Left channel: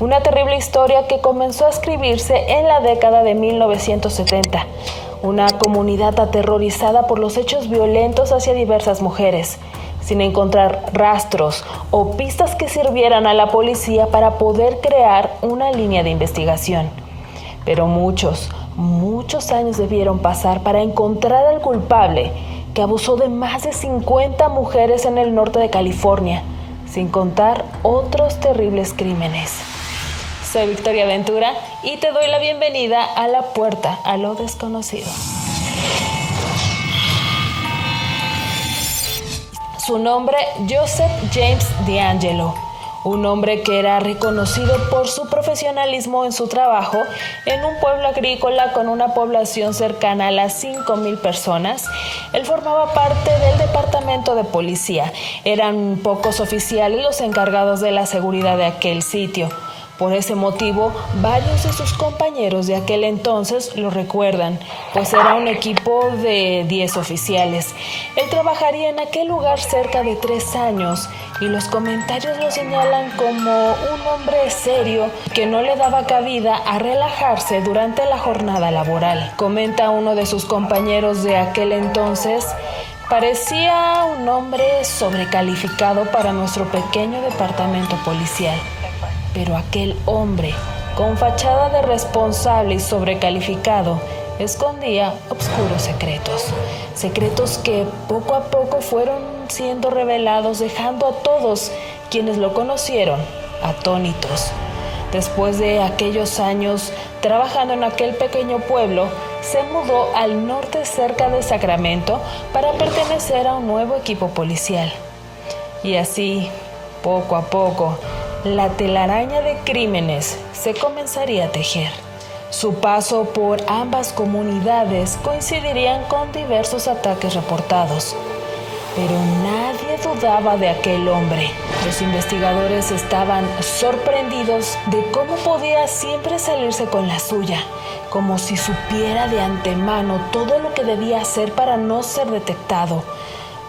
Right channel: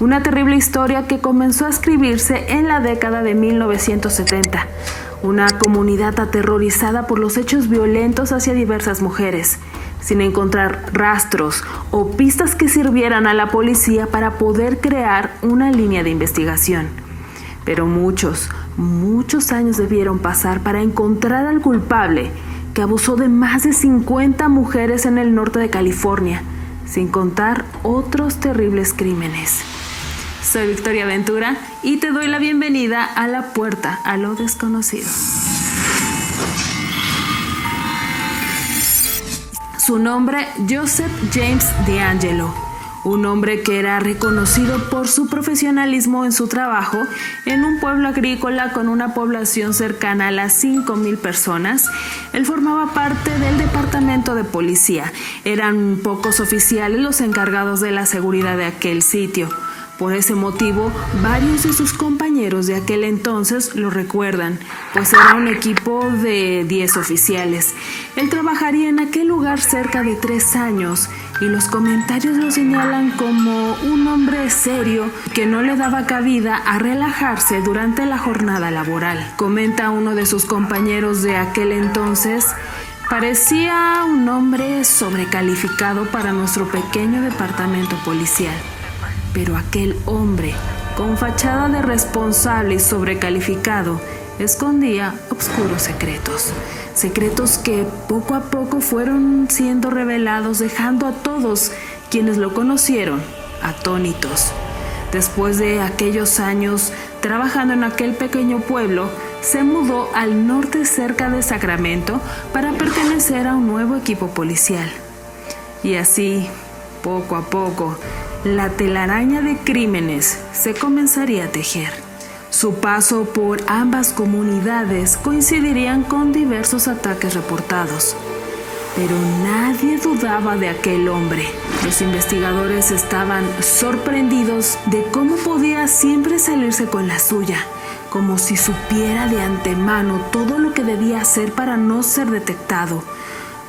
Una terrible historia que comenzó a escribirse en la década de 1970. Una comunidad aterrorizada por los hechos violentos hacia diversas mujeres, sin encontrar rastros o pistas que sirvieran a la policía para poder crear una línea de investigación. Pero muchos años debieron pasar para encontrar al culpable que abusó de más de 50 mujeres en el norte de California, sin contar otros terribles crímenes. Soy Victoria Ventura y te doy la bienvenida a La Puerta a lo Desconocido. Su nombre, Joseph James DeAngelo, un hombre que era reconocido por su profesionalismo en su trabajo en un pueblo agrícola con una población cercana a las 5,000 personas. Él formaba parte del departamento de policía. Eran pocos oficiales los encargados de la seguridad de aquel sitio. Por ese motivo, varios de sus compañeros de aquel entonces lo recuerdan, pues era un equipo de 10 oficiales. Él trabajaría en aquel lugar cerca de 3 años y los comentarios lo señalan como un hombre serio que no le daba cabida a relajarse durante la jornada laboral. Comenta uno de sus compañeros de aquel entonces: parecía un hombre sobrecalificado para nuestro pequeño departamento policial. Pero aquel hombre, con fachada de responsable y sobrecalificado, escondía oscuros secretos que poco a poco fueron siendo revelados, dejando a todos quienes lo conocieron atónitos. Después de aquellos años trabajando en aquel pequeño pueblo, se mudó al norte cerca de Sacramento para pertenecer a un nuevo equipo policial. Y así, poco a poco, la telaraña de crímenes se comenzaría a tejer. Su paso por ambas comunidades coincidirían con diversos ataques reportados. Pero nadie dudaba de aquel hombre. Los investigadores estaban sorprendidos de cómo podía siempre salirse con la suya, como si supiera de antemano todo lo que debía hacer para no ser detectado,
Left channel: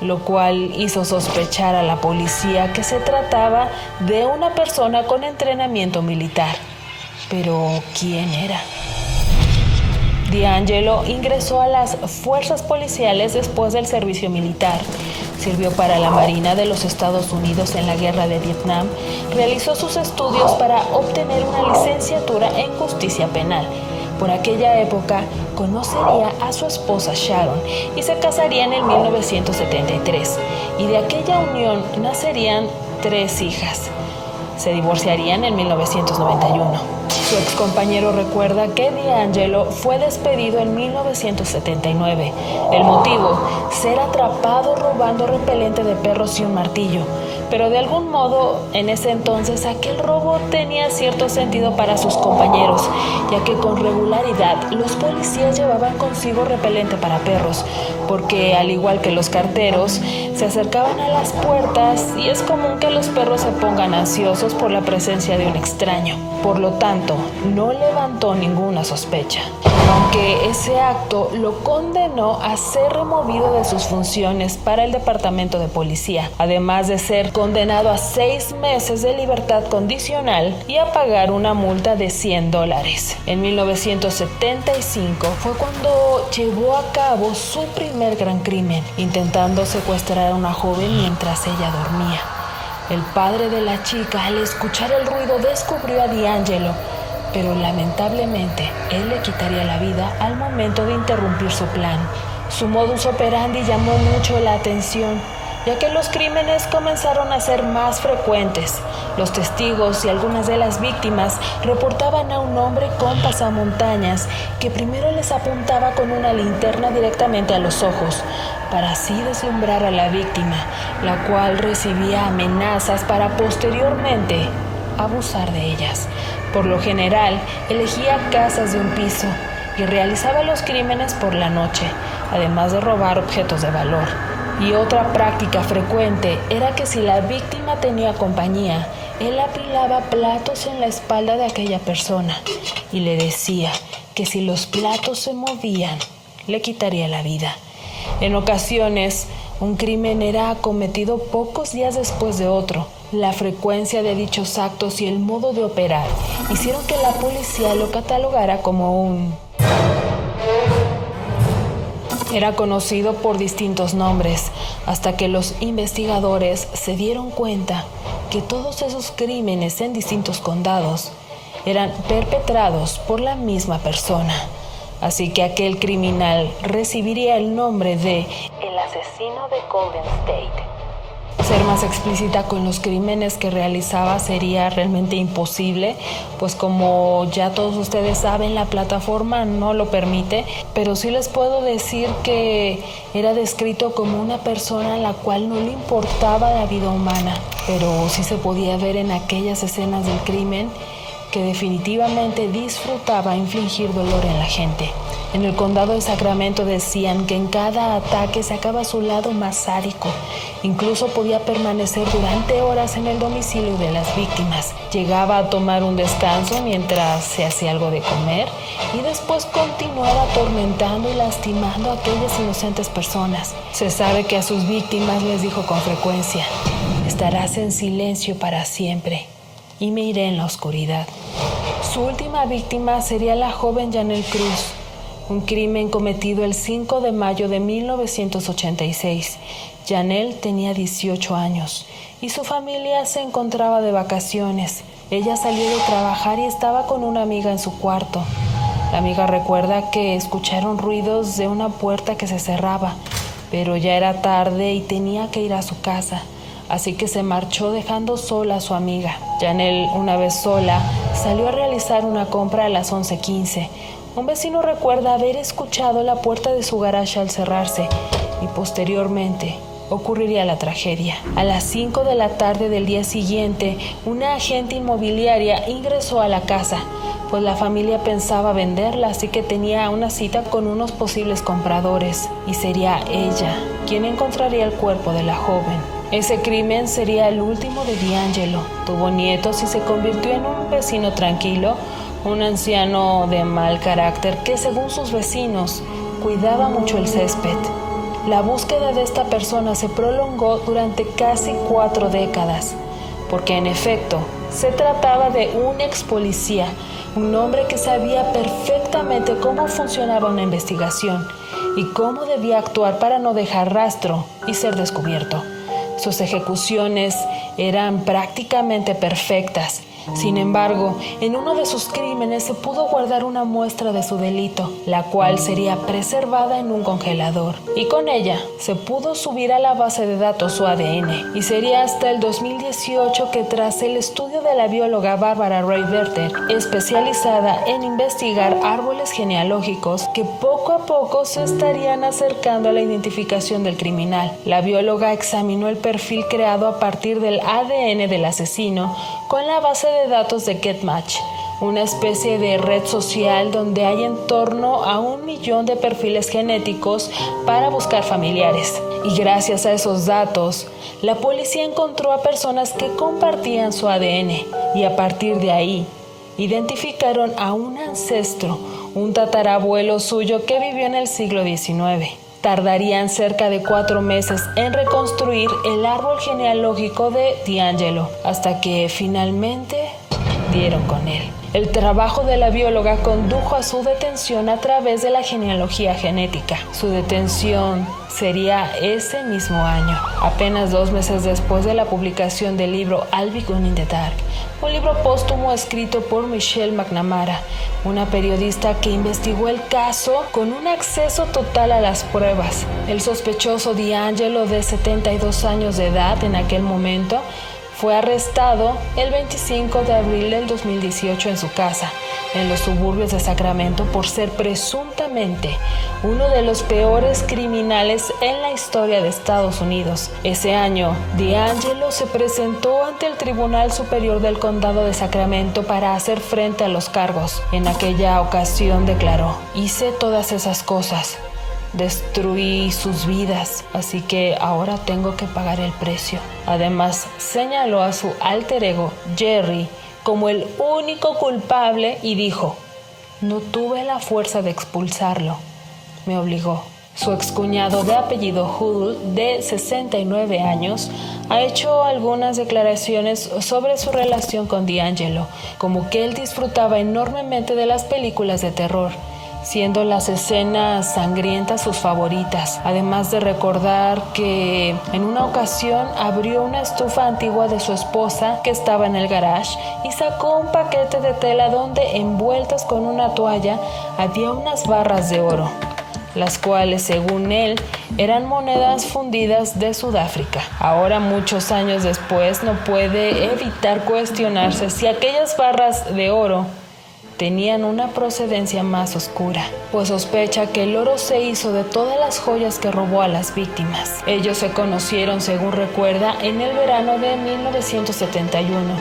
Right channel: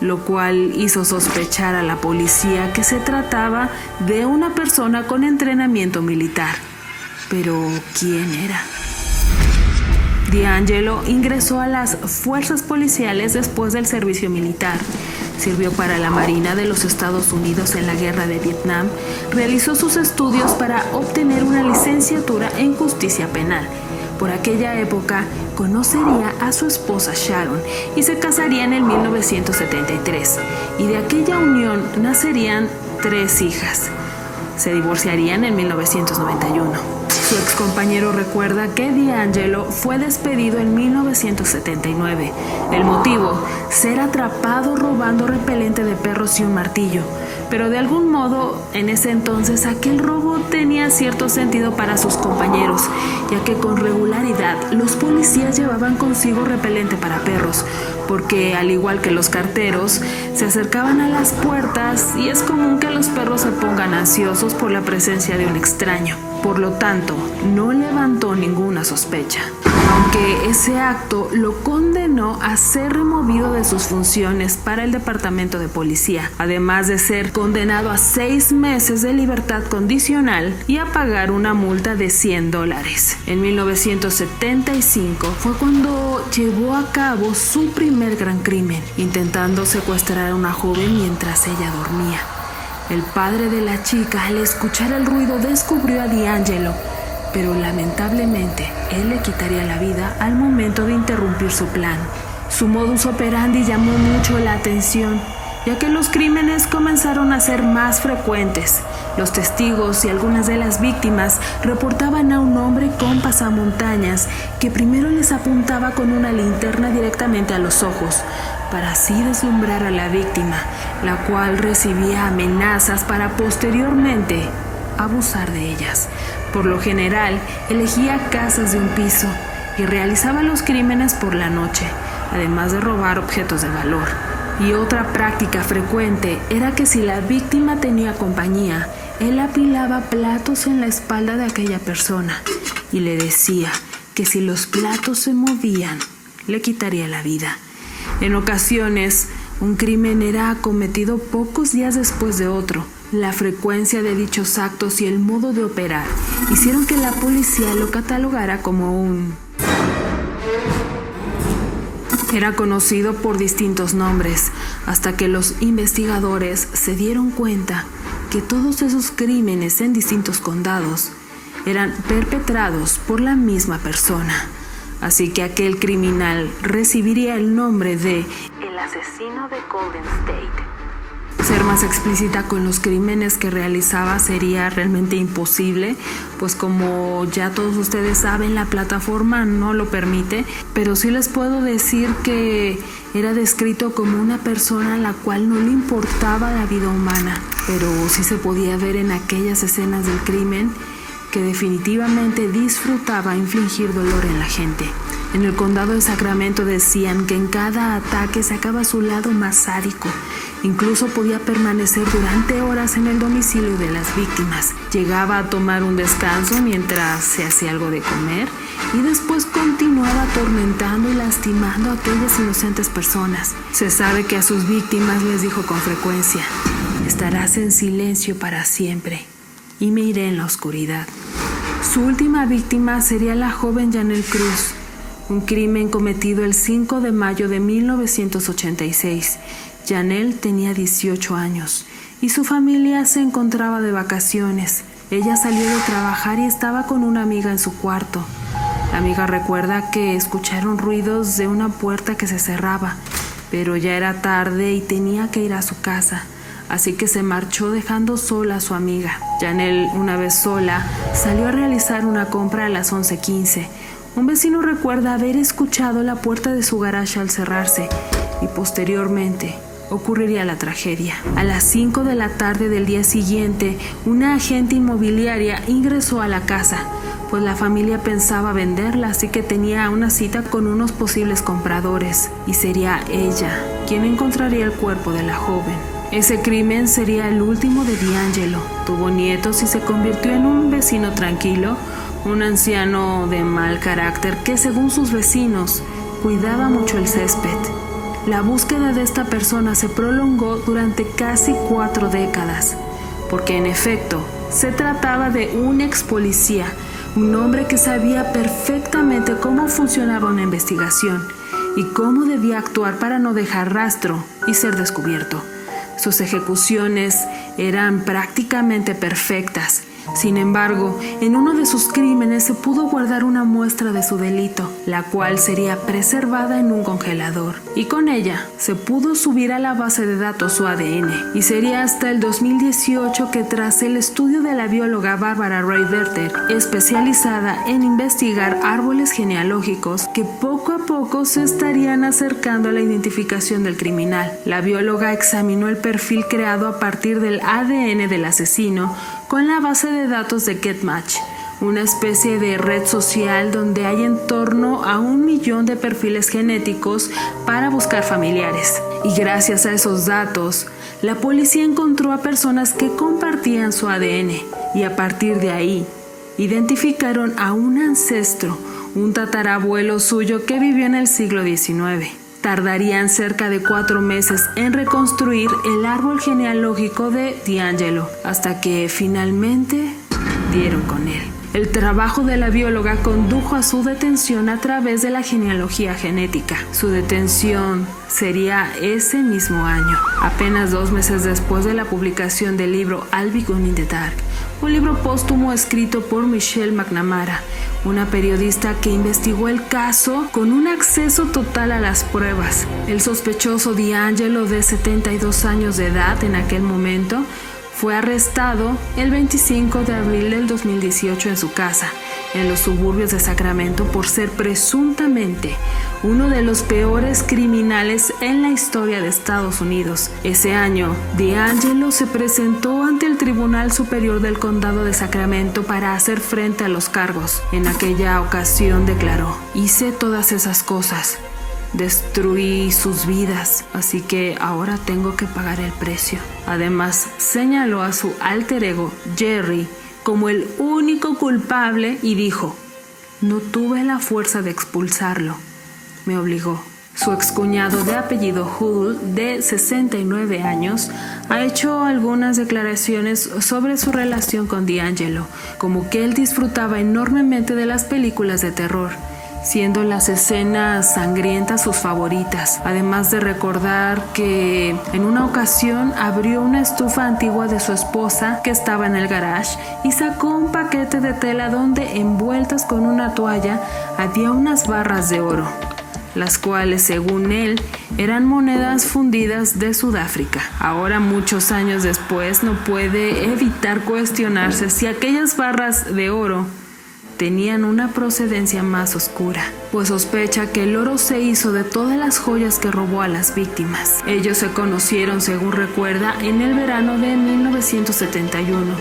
lo cual hizo sospechar a la policía que se trataba de una persona con entrenamiento militar. Pero, ¿quién era? DeAngelo ingresó a las fuerzas policiales después del servicio militar. Sirvió para la Marina de los Estados Unidos en la Guerra de Vietnam. Realizó sus estudios para obtener una licenciatura en justicia penal. Por aquella época, conocería a su esposa Sharon y se casarían en 1973. Y de aquella unión nacerían 3 hijas. Se divorciarían en 1991. Su excompañero recuerda que DeAngelo fue despedido en 1979. El motivo: ser atrapado robando repelente de perros y un martillo. Pero de algún modo, en ese entonces, aquel robo tenía cierto sentido para sus compañeros, ya que con regularidad los policías llevaban consigo repelente para perros, porque al igual que los carteros, se acercaban a las puertas y es común que los perros se pongan ansiosos por la presencia de un extraño. Por lo tanto, no levantó ninguna sospecha, aunque ese acto lo condenó a ser removido de sus funciones para el departamento de policía, además de ser condenado a 6 meses de libertad condicional y a pagar una multa de $100. En 1975 fue cuando llevó a cabo su primer gran crimen, intentando secuestrar a una joven mientras ella dormía. El padre de la chica, al escuchar el ruido, descubrió a DeAngelo, pero lamentablemente él le quitaría la vida al momento de interrumpir su plan. Su modus operandi llamó mucho la atención, ya que los crímenes comenzaron a ser más frecuentes. Los testigos y algunas de las víctimas reportaban a un hombre con pasamontañas que primero les apuntaba con una linterna directamente a los ojos, para así deslumbrar a la víctima, la cual recibía amenazas para posteriormente abusar de ellas. Por lo general, elegía casas de un piso y realizaba los crímenes por la noche, además de robar objetos de valor. Y otra práctica frecuente era que si la víctima tenía compañía, él apilaba platos en la espalda de aquella persona y le decía que si los platos se movían, le quitaría la vida. En ocasiones, un crimen era cometido pocos días después de otro, La frecuencia de dichos actos y el modo de operar hicieron que la policía lo catalogara como un... Era conocido por distintos nombres, hasta que los investigadores se dieron cuenta que todos esos crímenes en distintos condados eran perpetrados por la misma persona. Así que aquel criminal recibiría el nombre de el asesino de Golden State. Ser más explícita con los crímenes que realizaba sería realmente imposible, pues como ya todos ustedes saben, la plataforma no lo permite, pero sí les puedo decir que era descrito como una persona a la cual no le importaba la vida humana, pero sí se podía ver en aquellas escenas del crimen que definitivamente disfrutaba infligir dolor en la gente. En el condado de Sacramento decían que en cada ataque sacaba su lado más sádico. Incluso podía permanecer durante horas en el domicilio de las víctimas. Llegaba a tomar un descanso mientras se hacía algo de comer y después continuaba atormentando y lastimando a aquellas inocentes personas. Se sabe que a sus víctimas les dijo con frecuencia: estarás en silencio para siempre y me iré en la oscuridad. Su última víctima sería la joven Janelle Cruz, un crimen cometido el 5 de mayo de 1986. Janelle tenía 18 años y su familia se encontraba de vacaciones. Ella salió de trabajar y estaba con una amiga en su cuarto. La amiga recuerda que escucharon ruidos de una puerta que se cerraba, pero ya era tarde y tenía que ir a su casa. Así que se marchó dejando sola a su amiga. Janelle, una vez sola, salió a realizar una compra a las 11:15. Un vecino recuerda haber escuchado la puerta de su garaje al cerrarse y posteriormente ocurriría la tragedia. A las 5 de la tarde del día siguiente, una agente inmobiliaria ingresó a la casa, pues la familia pensaba venderla, así que tenía una cita con unos posibles compradores y sería ella quien encontraría el cuerpo de la joven. Ese crimen sería el último de D'Angelo. Tuvo nietos y se convirtió en un vecino tranquilo, un anciano de mal carácter que, según sus vecinos, cuidaba mucho el césped. La búsqueda de esta persona se prolongó durante casi 4 décadas, porque en efecto se trataba de un ex policía, un hombre que sabía perfectamente cómo funcionaba una investigación y cómo debía actuar para no dejar rastro y ser descubierto. Sus ejecuciones eran prácticamente perfectas. Sin embargo, en uno de sus crímenes se pudo guardar una muestra de su delito, la cual sería preservada en un congelador, y con ella se pudo subir a la base de datos su ADN. Y sería hasta el 2018 que, tras el estudio de la bióloga Barbara Rae-Berter, especializada en investigar árboles genealógicos, que poco a poco se estarían acercando a la identificación del criminal. La bióloga examinó el perfil creado a partir del ADN del asesino con la base de datos de GetMatch, una especie de red social donde hay en torno a 1 millón de perfiles genéticos para buscar familiares. Y gracias a esos datos, la policía encontró a personas que compartían su ADN y a partir de ahí identificaron a un ancestro, un tatarabuelo suyo que vivió en el siglo XIX. Tardarían cerca de 4 meses en reconstruir el árbol genealógico de D'Angelo, hasta que finalmente dieron con él. El trabajo de la bióloga condujo a su detención a través de la genealogía genética. Su detención sería ese mismo año, apenas 2 meses después de la publicación del libro I'll Be Gone in the Dark, un libro póstumo escrito por Michelle McNamara, una periodista que investigó el caso con un acceso total a las pruebas. El sospechoso D'Angelo, de 72 años de edad en aquel momento, fue arrestado el 25 de abril del 2018 en su casa, en los suburbios de Sacramento, por ser presuntamente uno de los peores criminales en la historia de Estados Unidos. Ese año, D'Angelo se presentó ante el Tribunal Superior del Condado de Sacramento para hacer frente a los cargos. En aquella ocasión declaró: "Hice todas esas cosas. Destruí sus vidas, así que ahora tengo que pagar el precio". Además, señaló a su alter ego, Jerry, como el único culpable y dijo: "No tuve la fuerza de expulsarlo, me obligó". Su excuñado de apellido Hoodle, de 69 años, ha hecho algunas declaraciones sobre su relación con D'Angelo, como que él disfrutaba enormemente de las películas de terror, siendo las escenas sangrientas sus favoritas, además de recordar que en una ocasión abrió una estufa antigua de su esposa que estaba en el garage y sacó un paquete de tela donde, envueltas con una toalla, había unas barras de oro, las cuales, según él, eran monedas fundidas de Sudáfrica. Ahora, muchos años después, no puede evitar cuestionarse si aquellas barras de oro tenían una procedencia más oscura, pues sospecha que el oro se hizo de todas las joyas que robó a las víctimas. Ellos se conocieron, según recuerda, en el verano de 1971,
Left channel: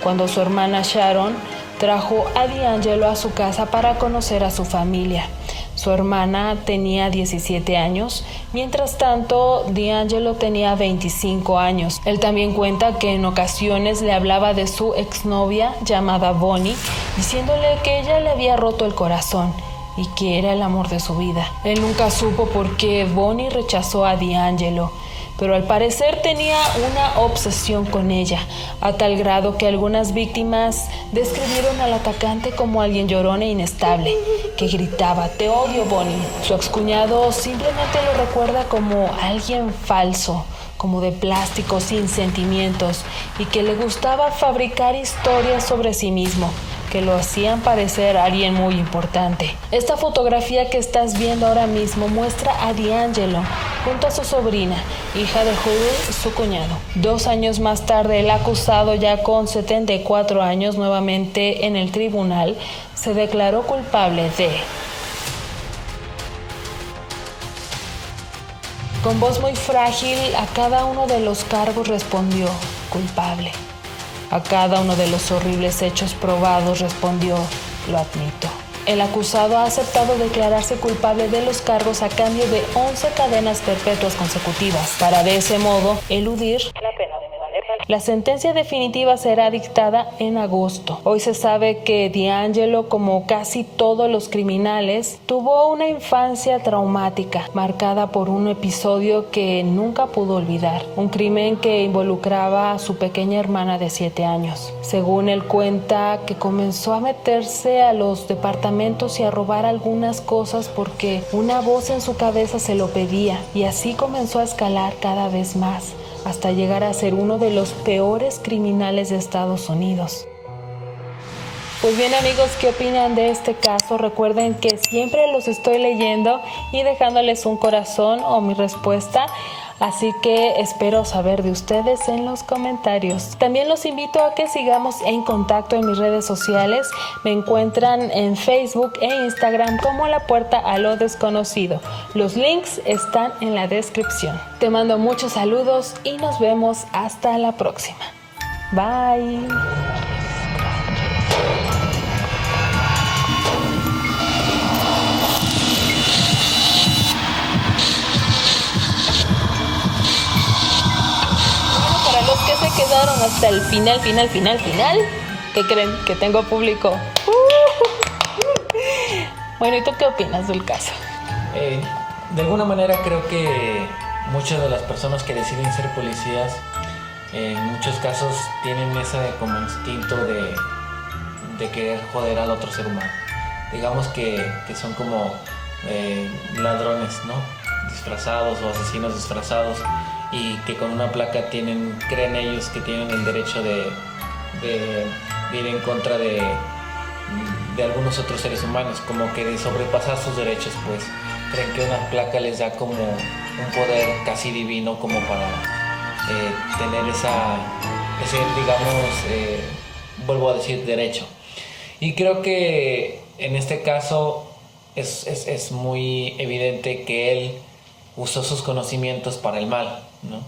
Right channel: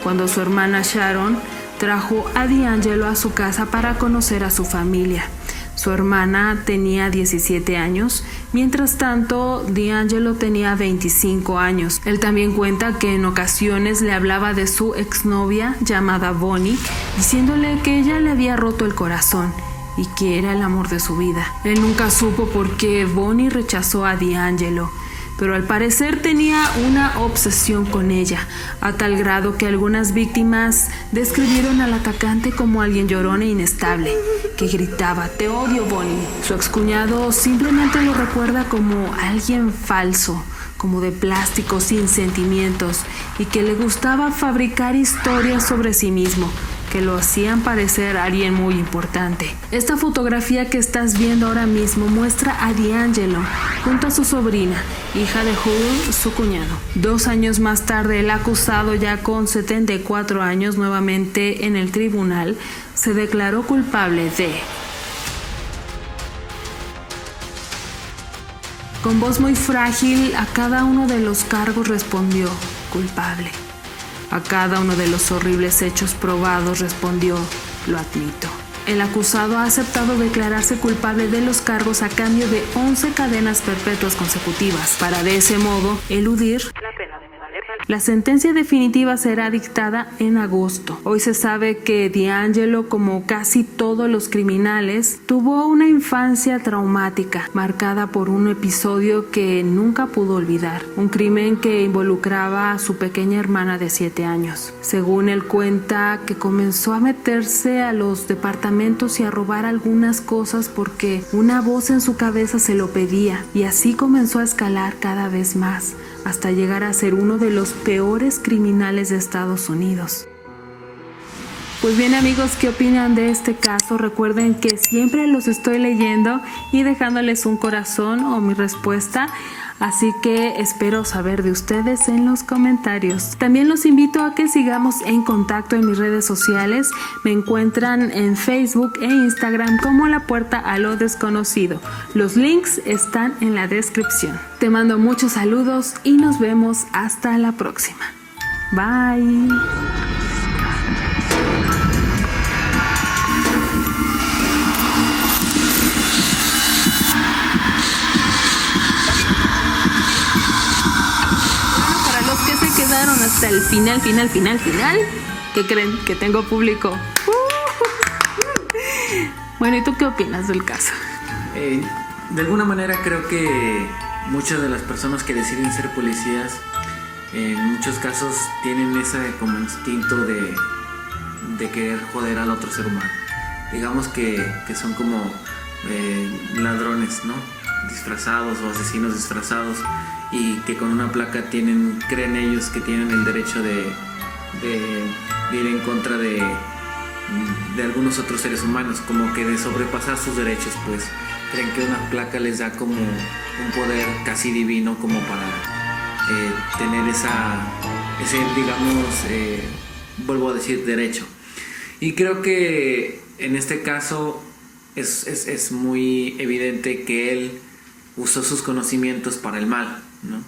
cuando su hermana Sharon trajo a D'Angelo a su casa para conocer a su familia. Su hermana tenía 17 años, mientras tanto D'Angelo tenía 25 años. Él también cuenta que en ocasiones le hablaba de su exnovia llamada Bonnie, diciéndole que ella le había roto el corazón y que era el amor de su vida. Él nunca supo por qué Bonnie rechazó a D'Angelo, pero al parecer tenía una obsesión con ella, a tal grado que algunas víctimas describieron al atacante como alguien llorón e inestable, que gritaba: "Te odio, Bonnie". Su excuñado simplemente lo recuerda como alguien falso, como de plástico, sin sentimientos, y que le gustaba fabricar historias sobre sí mismo, que lo hacían parecer alguien muy importante. Esta fotografía que estás viendo ahora mismo muestra a D'Angelo junto a su sobrina, hija de Hoodle, su cuñado. 2 años más tarde, el acusado, ya con 74 años, nuevamente en el tribunal, se declaró culpable de... Con voz muy frágil, a cada uno de los cargos respondió: culpable. A cada uno de los horribles hechos probados respondió: lo admito. El acusado ha aceptado declararse culpable de los cargos a cambio de 11 cadenas perpetuas consecutivas, para de ese modo eludir la pena de muerte. La sentencia definitiva será dictada en agosto. Hoy se sabe que D'Angelo, como casi todos los criminales, tuvo una infancia traumática, marcada por un episodio que nunca pudo olvidar, un crimen que involucraba a su pequeña hermana de 7 años. Según él cuenta, que comenzó a meterse a los departamentos y a robar algunas cosas porque una voz en su cabeza se lo pedía, y así comenzó a escalar cada vez más, hasta llegar a ser uno de los peores criminales de Estados Unidos. Pues bien, amigos, ¿qué opinan de este caso? Recuerden que siempre los estoy leyendo y dejándoles un corazón o mi respuesta, así que espero saber de ustedes en los comentarios. También los invito a que sigamos en contacto en mis redes sociales. Me encuentran en Facebook e Instagram como La Puerta a lo Desconocido. Los links están en la descripción. Te mando muchos saludos y nos vemos hasta la próxima. Bye. Los que se quedaron hasta el final, ¿qué creen? Que tengo público. Bueno, ¿y tú qué opinas del caso? De alguna manera creo que muchas de las personas que deciden ser policías, en muchos casos tienen ese como instinto de querer joder al otro ser humano. Digamos que son como ladrones, ¿no? Disfrazados, o asesinos disfrazados, y que con una placa creen ellos que tienen el derecho de ir en contra de algunos otros seres humanos, como que de sobrepasar sus derechos, pues creen que una placa les da como un poder casi divino, como para tener ese, digamos, vuelvo a decir, derecho. Y creo que en este caso es muy evidente que él usó sus conocimientos para el mal, ¿no?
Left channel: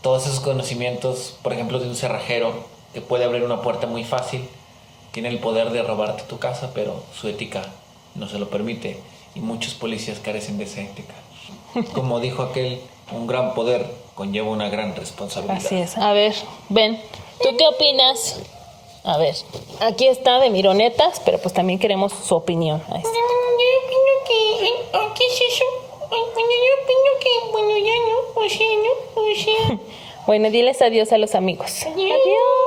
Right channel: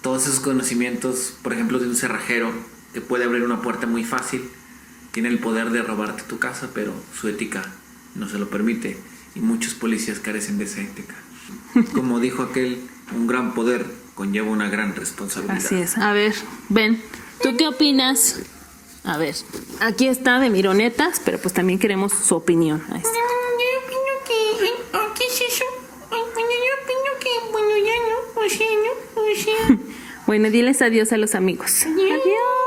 Todos esos conocimientos, por ejemplo, de un cerrajero que puede abrir una puerta muy fácil, tiene el poder de robarte tu casa, pero su ética no se lo permite, y muchos policías carecen de esa ética. Como dijo aquel, un gran poder conlleva una gran responsabilidad. Así es. A ver, ven, ¿tú qué opinas? A ver, aquí está de mironetas, pero pues también queremos su opinión. Ahí está. Yo opino que... ¿Qué es eso? Bueno, diles adiós a los amigos. Adiós.